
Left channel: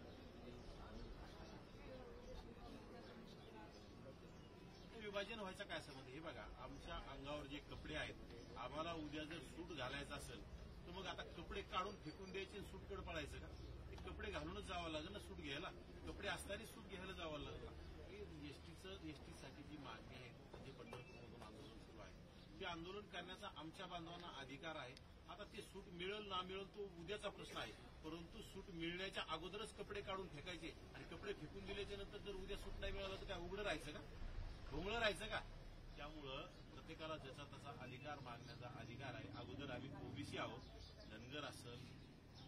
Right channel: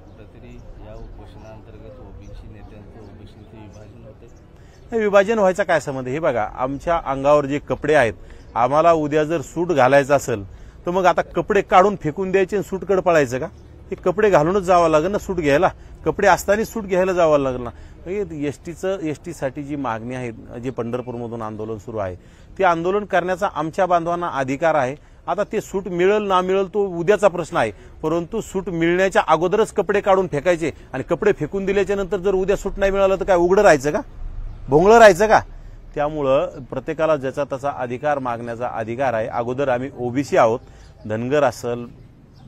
कुठंतरी या उपोषणाअंतर्गत ओबीसी नेत्यांचं ओबीसीचे विभाजन होते. विभाजन व्हायचा काय संबंध? हे बघा, आमच्या अंगावर जे कपडे आहेत, आम्हाला उद्या जर सूट घालायचं असेल तर मग आता कपडे काढून फेकून द्यायचे आणि सूटकडे पळायचं का? हे कपडे घालूनच जावं लागेल ना सूट घ्यायला, कपडे असताना सूट घ्यायला जावं लागेल ना. एसटीसाठी जी मागणी आहे, जे पंढरपूरमधून आंदोलन सुरू आहे, ते आंदोलन करण्याचा आमच्या बांधवांना अधिकार आहे. आता ते सूट मिळेल ना मिळेल तो उद्याचा प्रश्न आहे, परंतु सूट मिळण्याच्या अगोदरच कपडे काढून फेकायचे आणि कपडे फेकून दिल्याच्या नंतर जर उद्या सूट नाही मिळालं तर काय उघडं राहायचं का, भोंगळं राहायचं का? त्यामुळं प्रत्येकाला ज्याचा त्याचा अधिकार मागण्याचा अधिकार आहे. अगोदर आम्ही ओबीसी आहोत, धनगर असेल,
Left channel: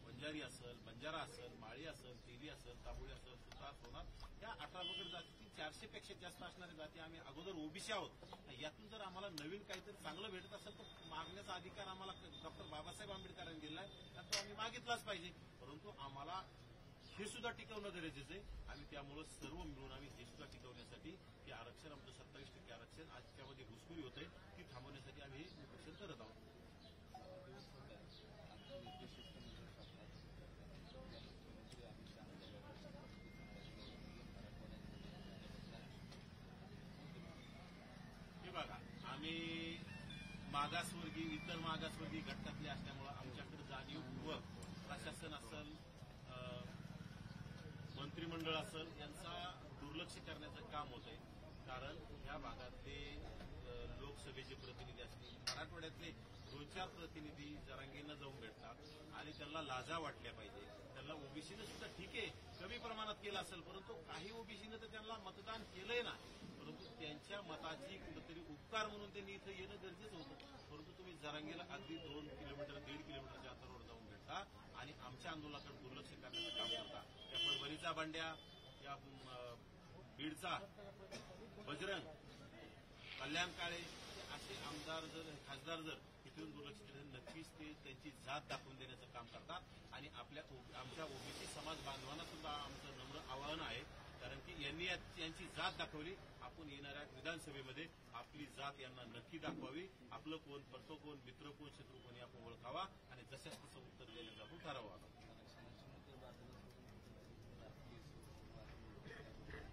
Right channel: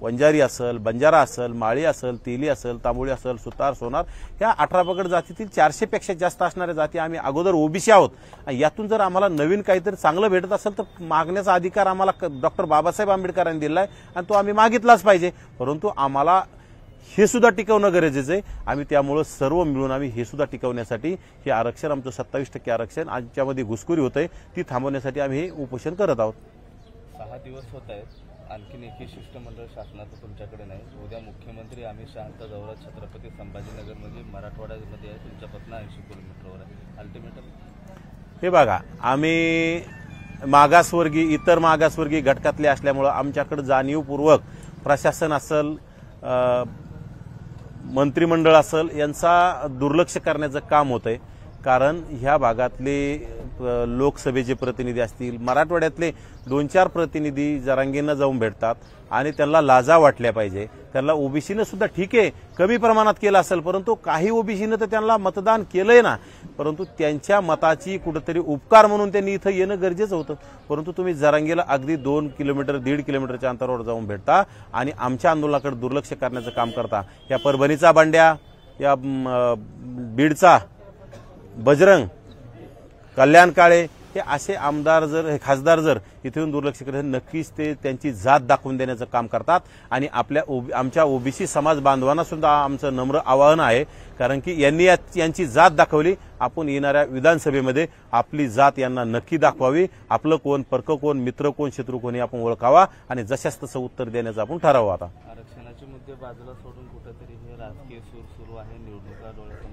वंजारी असेल, बंजारा असेल, माळी असेल, तेली असेल, तांबोळी असेल, सुतार, सोनार, ह्या 18 पगड जातीतील 400 पेक्षा जास्त असणाऱ्या जाती आम्ही अगोदर ओबीसी आहोत. यातून जर आम्हाला नवीन काहीतरी चांगलं भेटत असेल तर मागण्याचा अधिकार आम्हाला डॉक्टर बाबासाहेब आंबेडकरांनी दिला आहे आणि तो आम्ही मागितलाच पाहिजे. परंतु आम्हाला हे सुद्धा टिकवणं गरजेचं आहे. आम्ही त्यामुळं सर्व मिळून आम्ही हे सुद्धा टिकवण्यासाठी हे आरक्षण, आमचं 27% आरक्षण आमच्यामध्ये घुसखोरी होतंय, ती थांबवण्यासाठी आम्ही हे उपोषण करत आहोत. 6 दिवस होत आहेत, आणखीन एकही शिष्टमंडळ शासनाचं तुमच्याकडे नाही. उद्या मुख्यमंत्री अमित शहांचा दौरा छत्रपती संभाजीनगरमध्ये मराठवाड्यामध्ये आहे, तुमच्यापासून 80 किलोमीटरवर आहे. अल्टिमेटम हे बघा, आम्ही मागासवर्गीय, इतर मागासवर्गीय घटकातले असल्यामुळं आमच्याकडे जाणीवपूर्वक प्रशासन असेल, मंत्रिमंडळ असेल, यांचा दुर्लक्ष करण्याचं काम होतंय. कारण ह्या भागातले लोकसभेचे प्रतिनिधी असतील, मराठवाड्यातले 2-4 प्रतिनिधी जरांगेंना जाऊन भेटतात आणि त्यांना लाजा वाटल्या पाहिजे. त्यांना ओबीसीनं सुद्धा ठीक आहे कमी प्रमाणात केलं असेल, परंतु काही ओबीसीनं तर त्यांना मतदान केलंय ना, परंतु त्यांच्या मताची कुठेतरी उपकार म्हणून त्यांनी इथं येणं गरजेचं होतं. परंतु तुम्ही जरांगेला अगदी 2 किलोमीटर 1.5 किलोमीटरच्या अंतरावर जाऊन भेटता आणि आमच्या आंदोलनाकडे दुर्लक्ष करण्याचं काम करता. या परभणीचा बांड्या, या बीडचा बजरंग, कल्याण काळे, हे असे आमदार जर, खासदार जर इथून दुर्लक्ष करत, नक्कीच ते त्यांची जात दाखवून देण्याचं काम करतात. आणि आमच्या ओबीसी समाज बांधवांना सुद्धा आमचं नम्र आवाहन आहे, कारण की यांची जात दाखवली, आपण येणाऱ्या विधानसभेमध्ये आपली जात यांना नक्की दाखवावी. आपलं कोण, परक कोण, मित्र कोण, शत्रू कोणी आपण ओळखावा आणि जशाच तसं उत्तर देण्याचं आपण ठरवावं. आता आरक्षणाचे मुद्दे बाजूला सोडून कुठेतरी हे राजकीय सूर सुरू आहे, निवडणुका डोळ्यासमोर.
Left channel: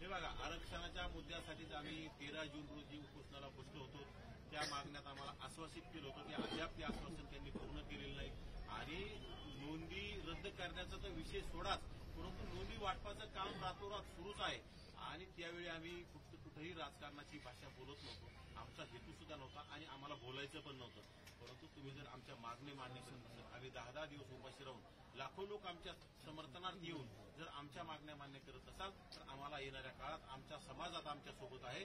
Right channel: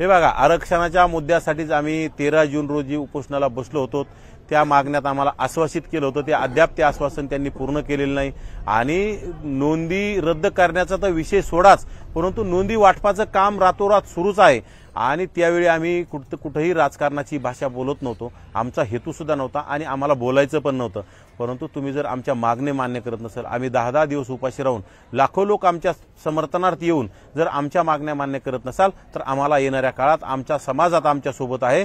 हे बघा, आरक्षणाच्या मुद्द्यासाठीच आम्ही 13 जून रोजी उपोषणाला बसलो होतो. त्या मागण्यात आम्हाला आश्वासित केलं होतं, ते अद्याप ते आश्वासन त्यांनी पूर्ण केलेलं नाही. आणि नोंदी रद्द करण्याचा तर विषय सोडाच, परंतु नोंदी वाटपाचं काम रातोरात सुरूच आहे. आणि त्यावेळी आम्ही कुठेही राजकारणाची भाषा बोलत नव्हतो, आमचा हेतू सुद्धा नव्हता आणि आम्हाला बोलायचं पण नव्हतं. परंतु तुम्ही जर आमच्या मागणे मान्य करत नसेल, आम्ही 10-10 दिवस उपाशी राहून, लाखो लोक आमच्या समर्थनार्थ येऊन जर आमच्या मागण्या मान्य करत नसाल तर आम्हाला येणाऱ्या काळात आमच्या समाजात आमच्या सोबत आहे.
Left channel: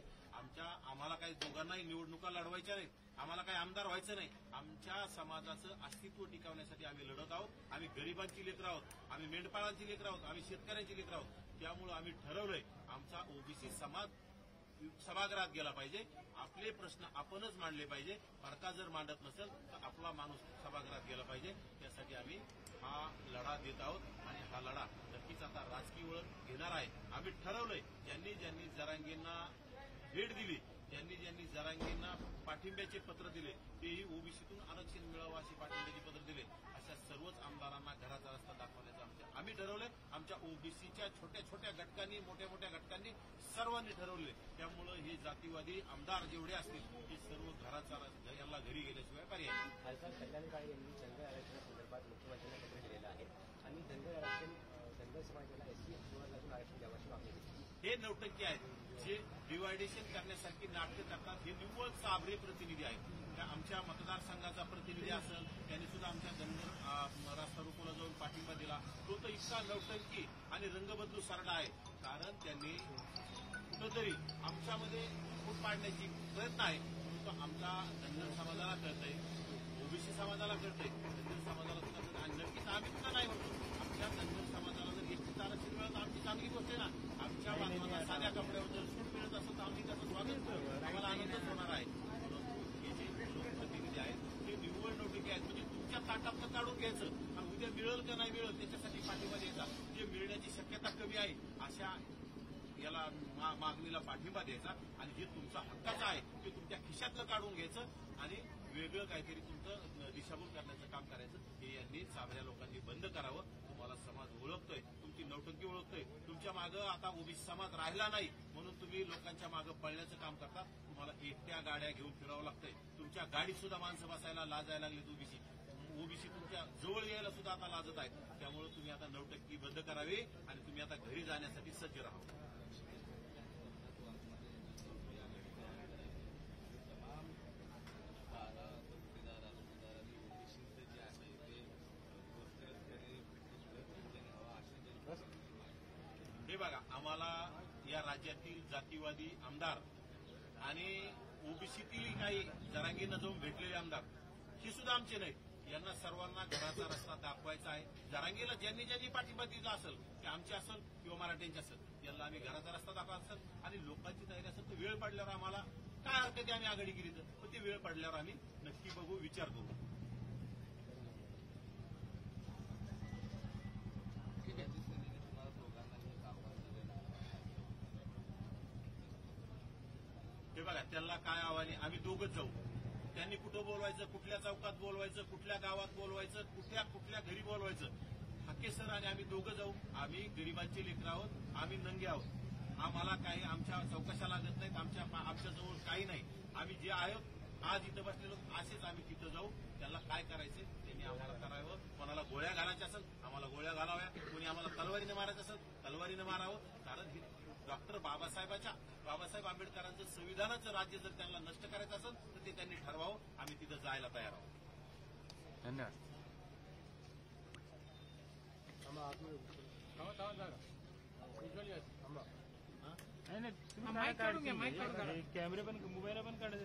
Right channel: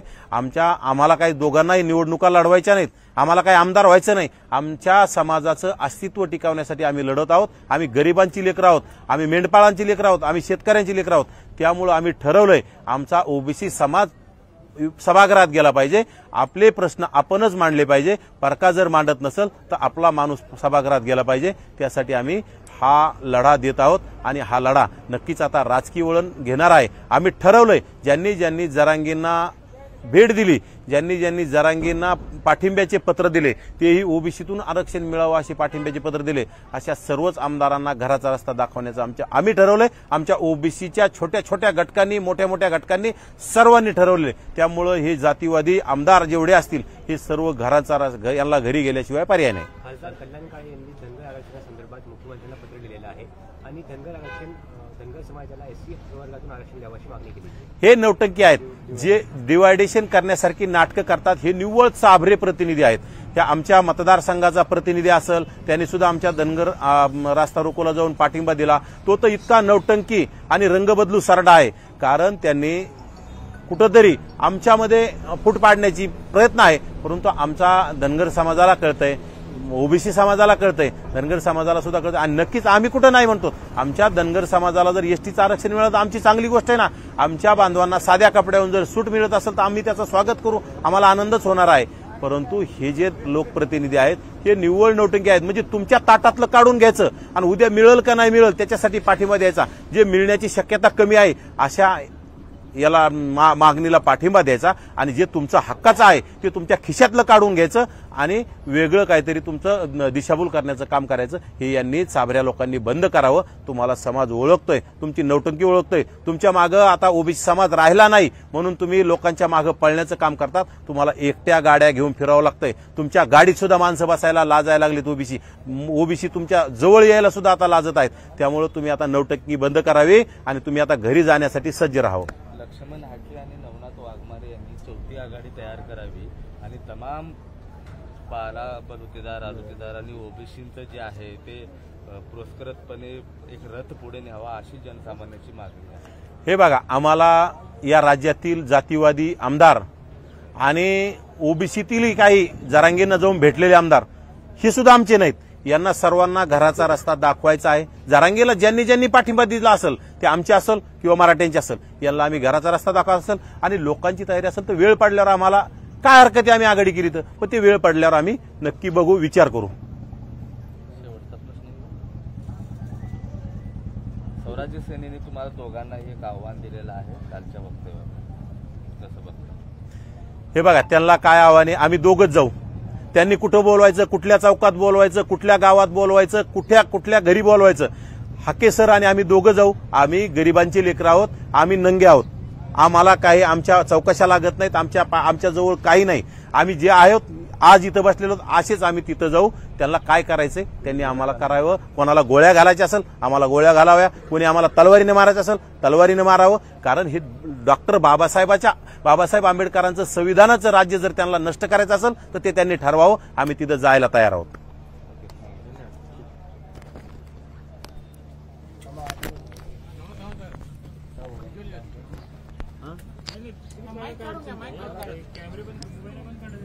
आम्हाला काही दोघांनाही निवडणुका लढवायच्या नाहीत, आम्हाला काही आमदार व्हायचं नाही. आमच्या समाजाचं अस्तित्व टिकवण्यासाठी आम्ही लढत आहोत. आम्ही गरिबांची लेकरं आहोत, आम्ही मेंढपाळांची लेकरं आहोत, आम्ही शेतकऱ्यांची लेकरं आहोत. त्यामुळं आम्ही ठरवलंय, आमचा ओबीसी समाज सभागृहात गेला पाहिजे, आपले प्रश्न आपणच मांडले पाहिजे. परका जर मांडत नसेल तर आपला माणूस सभागृहात गेला पाहिजे. त्यासाठी आम्ही हा लढा देत आहोत आणि हा लढा नक्कीच आता राजकीय वळण घेणार आहे. आम्ही ठरवलंय, ज्यांनी जरांगेंना भेट दिली, ज्यांनी ज्यांनी जरांगेंना पाठिंब्याचे पत्र दिले, तेही ओबीसीतून आरक्षण मिळावं असे पाठिंब्याचे पत्र दिले, अशा सर्वच आमदारांना घराचा रस्ता दाखवण्याचं आम्ही ठरवलंय. आमच्या ओबीसीच्या छोट्या छोट्या घटकांनी, मोठ्या मोठ्या घटकांनी, सर्वांनी ठरवले. त्यामुळं हे जातीवादी आमदार जेवढे असतील हे सर्व यांना घरी गेल्याशिवाय पर्याय नाही. खासदार कल्याण काळे यांनी धनगर आरक्षणासंदर्भात मुख्यमंत्र्यांना पत्र लिहिलेलं आहे आणि धनगर समाजाला एससी प्रवर्गातून आरक्षण द्यावयाची मागणी केली. हे नौटंकी आहेत, जे डिवायडेशन करण्यासारखी नाटकं करतात. हे निव्वळ चाभरे प्रतिनिधी आहेत. त्या आमच्या मतदारसंघाचा प्रतिनिधी असेल, त्यांनी सुद्धा आमच्या धनगर रास्ता रोकोला जाऊन पाठिंबा दिला. तो तर इतका नौटंकी आणि रंगबदलू सरडा आहे, कारण त्यांनी कुठंतरी आमच्यामध्ये फूट पाडण्याची प्रयत्न आहे. परंतु आमचा धनगर समाजाला कळतंय, ओबीसी समाजाला कळतंय, धनगर समाजाला सुद्धा कळतंय. आणि नक्कीच आम्ही कुठं नाही म्हणतो. आमच्या धनगर समाजाला जर एसटीचं आरक्षण मिळालं तर आमची चांगली गोष्ट आहे ना. आमच्या बांधवांना साध्या कपड्यावरून जर सूट मिळत असेल तर आम्ही त्याचं स्वागत करू, आम्हाला आनंदच होणार आहे. परंतु हे जे लोकप्रतिनिधी आहेत हे निव्वळ नौटंकी आहेत. म्हणजे तुमच्या ताटातलं काढून घ्यायचं आणि उद्या मिळेल का नाही मिळेल त्याच्यासाठी पाठिंबा द्यायचा. जे मिळण्याची शक्यता कमी आहे अशा याला मागणीला पाठिंबा द्यायचा आणि जे तुमचं हक्काचं आहे ते तुमच्या खिशातलं काढून घ्यायचं आणि वेगळं काहीतरी तुमचं दिशाभूल करण्याचं काम करायचं. हे यांनी चाभऱ्या लोकांनी बंद करावं. तुम्हाला समाज ओळखतोय, तुमची नौटंकी ओळखतोय. तुमच्या मागं आता ओबीसी समाज राहिला नाही म्हणून तुम्ही लोकांच्या मागं पळण्याचं काम करतात. तुम्हाला एकट्या गाड्या घेऊन फिरावं लागतंय. तुमच्या गाडीत सुद्धा माणसं बसायला लाजायला लागलीत. ओबीसी तुमच्या जवळ यायला सुद्धा आता लाजत आहेत. त्यामुळे तुम्ही आता नौटंकी बंद करावी आणि तुम्ही आता घरी जाण्यासाठी सज्ज राहावं. लक्ष्मण हाके आणि नवनाथ वाघमारे यांनी 4थी आघाडी तयार करावी आणि तमाम पाला बलुतेदार, आरोतेदार आणि ओबीसींचं जे आहे ते पुरस्कृतपणे एक रथ पुढे न्यावा अशी जनसामान्याची मागणी आहे. हे बघा, आम्हाला या राज्यातील जातीवादी आमदार आणि ओबीसीतील काही जरांगेंना जाऊन भेटलेले आमदार हे सुद्धा आमचे नाहीत. यांना सर्वांना घराचा रस्ता दाखवायचा आहे. जरांगेला ज्यांनी ज्यांनी पाठिंबा दिला असेल ते आमचे असेल किंवा मराठ्यांचे असेल, यांना आम्ही घराचा रस्ता दाखवायचा असेल आणि लोकांची तयारी असेल तर वेळ पडल्यावर आम्हाला काय हरकत आहे आम्ही आघाडी केली तर, पण ते वेळ पडल्यावर आम्ही नक्की बघू, विचार करू. शेवटचा प्रश्न, स्वराज्य सेनेने तुम्हाला दोघांनाही एक आव्हान दिलेलं आहे कालच्या वक्तव्यावर, कसं बघता? हे बघा, त्यांना काय आव्हान आहे, आम्ही दोघंच जाऊ. त्यांनी कुठं बोलवायचं, कुठल्या चौकात बोलवायचं, कुठल्या गावात बोलवायचं, कुठल्या घरी बोलवायचं, हाके सर आणि आम्ही दोघं जाऊ. आम्ही गरिबांचे लेकरं आहोत, आम्ही नंगे आहोत. आम्हाला काही आमच्या चौकशा लागत नाहीत, आमच्या जवळ काही नाही. आम्ही जे आहोत आज इथं बसलेलो असेच आम्ही तिथं जाऊ. त्यांना काय करायचंय त्यांनी आम्हाला करावं. कोणाला गोळ्या घालायच्या असेल आम्हाला गोळ्या घालाव्या, कोणी आम्हाला तलवारीने मारायचं असेल तलवारीने मारावं. कारण हे डॉक्टर बाबासाहेब आंबेडकरांचं संविधानाचं राज्य जर त्यांना नष्ट करायचं असेल तर ते त्यांनी ठरवावं. आम्ही तिथं जायला तयार आहोत. कॅमेरे